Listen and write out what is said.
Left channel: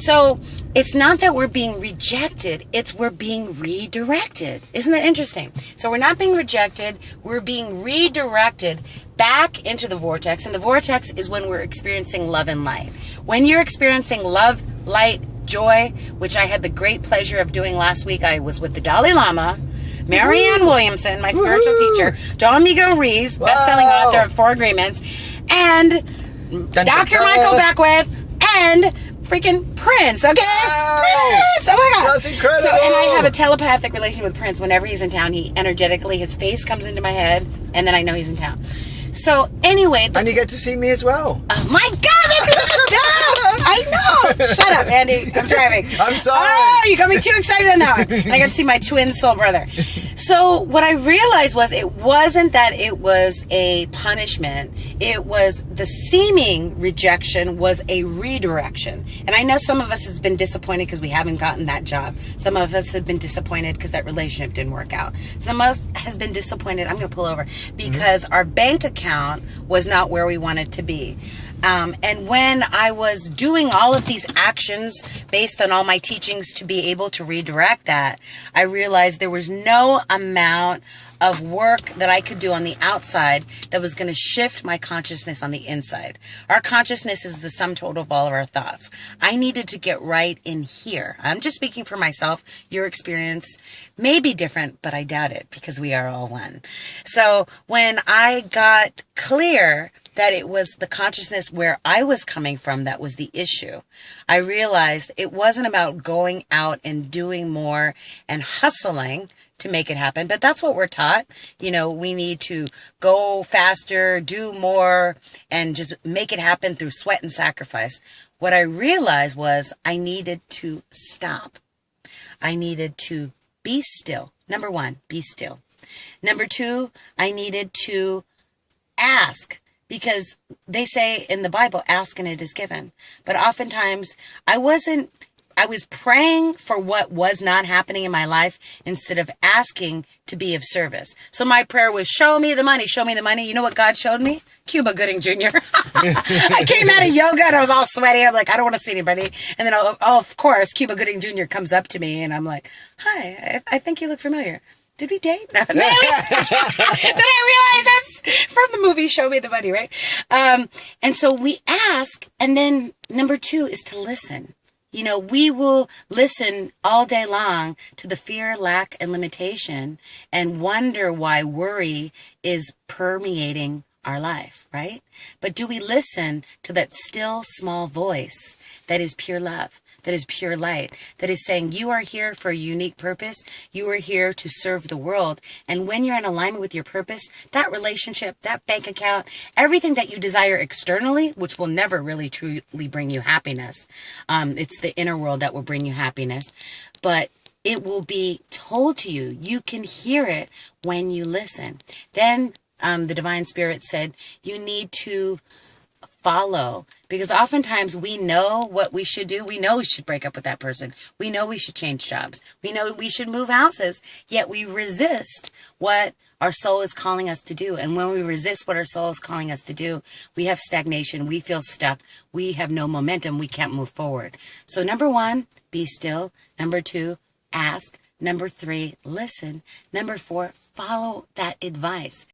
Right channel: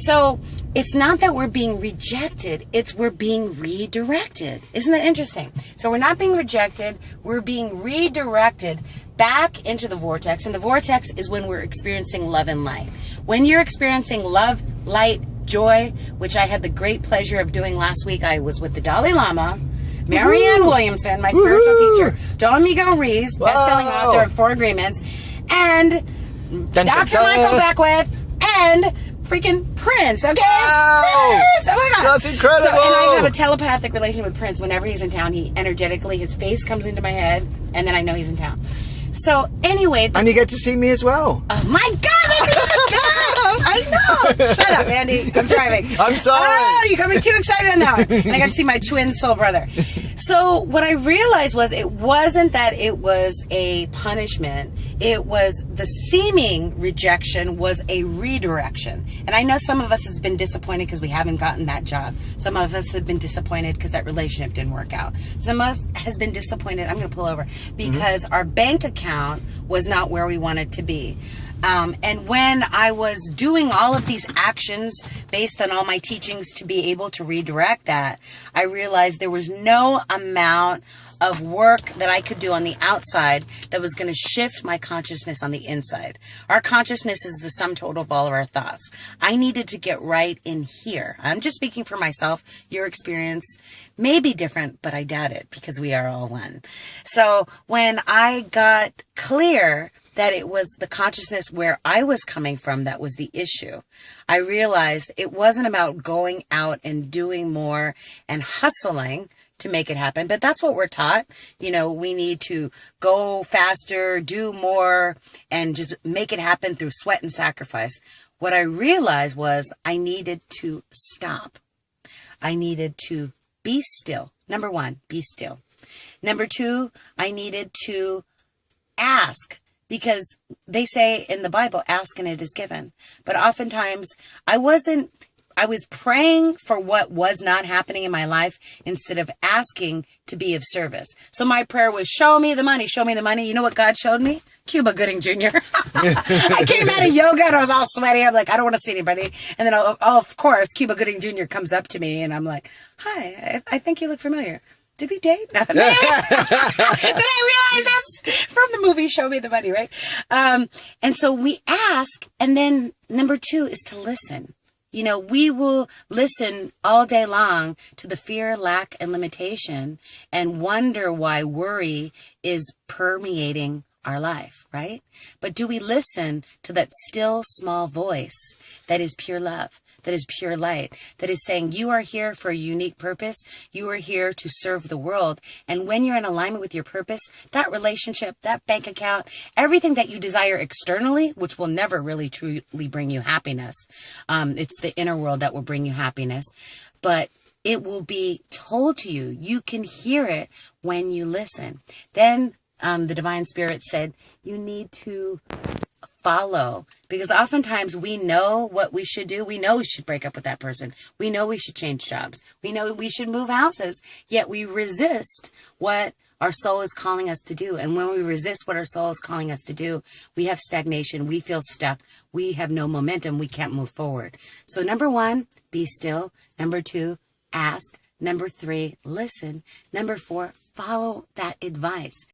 So it's not that we're being rejected, it's we're being redirected. Isn't that interesting? So we're not being rejected, we're being redirected back into the vortex. And the vortex is when we're experiencing love and light. When you're experiencing love, light, joy, which I had the great pleasure of doing last week. I was with the Dalai Lama, Marianne Williamson, my spiritual teacher, Don Miguel Ruiz, best-selling author of 4 Agreements, and Dr. Michael Beckwith, and freaking Prince, okay? Prince! Oh my God. That's incredible. So, and I have a telepathic relation with Prince. Whenever he's in town, he energetically, his face comes into my head, and then I know he's in town. So anyway. And you get to see me as well. Oh my God, that's the best! I know! Shut up, Andy. I'm driving. I'm sorry. Oh, you got me too excited on that one. And I got to see my twin soul brother. So what I realized was it wasn't that it was a punishment. It was the seeming rejection was a redirection. And I know some of us has been disappointed because we haven't gotten that job. Some of us have been disappointed because that relationship didn't work out. Some of us has been disappointed, I'm going to pull over, because our bank account was not where we wanted to be. And when I was doing all of these actions based on all my teachings to be able to redirect that, I realized there was no amount of work that I could do on the outside that was going to shift my consciousness on the inside. Our consciousness is the sum total of all of our thoughts. I needed to get right in here. I'm just speaking for myself. Your experience may be different, but I doubt it because we are all one. So when I got clear that it was the consciousness where I was coming from that was the issue, I realized it wasn't about going out and doing more and hustling to make it happen. But that's what we're taught. You know, we need to go faster, do more, and just make it happen through sweat and sacrifice. What I realized was I needed to stop. I needed to be still. Number 1, be still. Number 2, I needed to ask. Because they say in the Bible, ask and it is given. But oftentimes I was praying for what was not happening in my life instead of asking to be of service. So my prayer was, show me the money, show me the money. You know what God showed me? Cuba Gooding Jr. I came out of yoga and I was all sweaty. I'm like, I don't want to see anybody. And then, of course, Cuba Gooding Jr. comes up to me and I'm like, hi, I think you look familiar. Did we date? No. Then I realized that's from the movie Show Me the Money, right? And so we ask, and then number 2 is to listen. You know, we will listen all day long to the fear, lack, and limitation and wonder why worry is permeating our life, right? But do we listen to that still small voice that is pure love? That is pure light, that is saying you are here for a unique purpose. You are here to serve the world. And when you're in alignment with your purpose, that relationship, that bank account, everything that you desire externally, which will never really truly bring you happiness. It's the inner world that will bring you happiness. But it will be told to you. You can hear it when you listen. Then the Divine Spirit said, you need to follow, because oftentimes we know what we should do. We know we should break up with that person. We know we should change jobs. We know we should move houses, yet we resist what our soul is calling us to do. And when we resist what our soul is calling us to do, we have stagnation. We feel stuck. We have no momentum. We can't move forward. So number 1, be still. Number 2, ask. Number 3, listen. Number 4, follow that advice.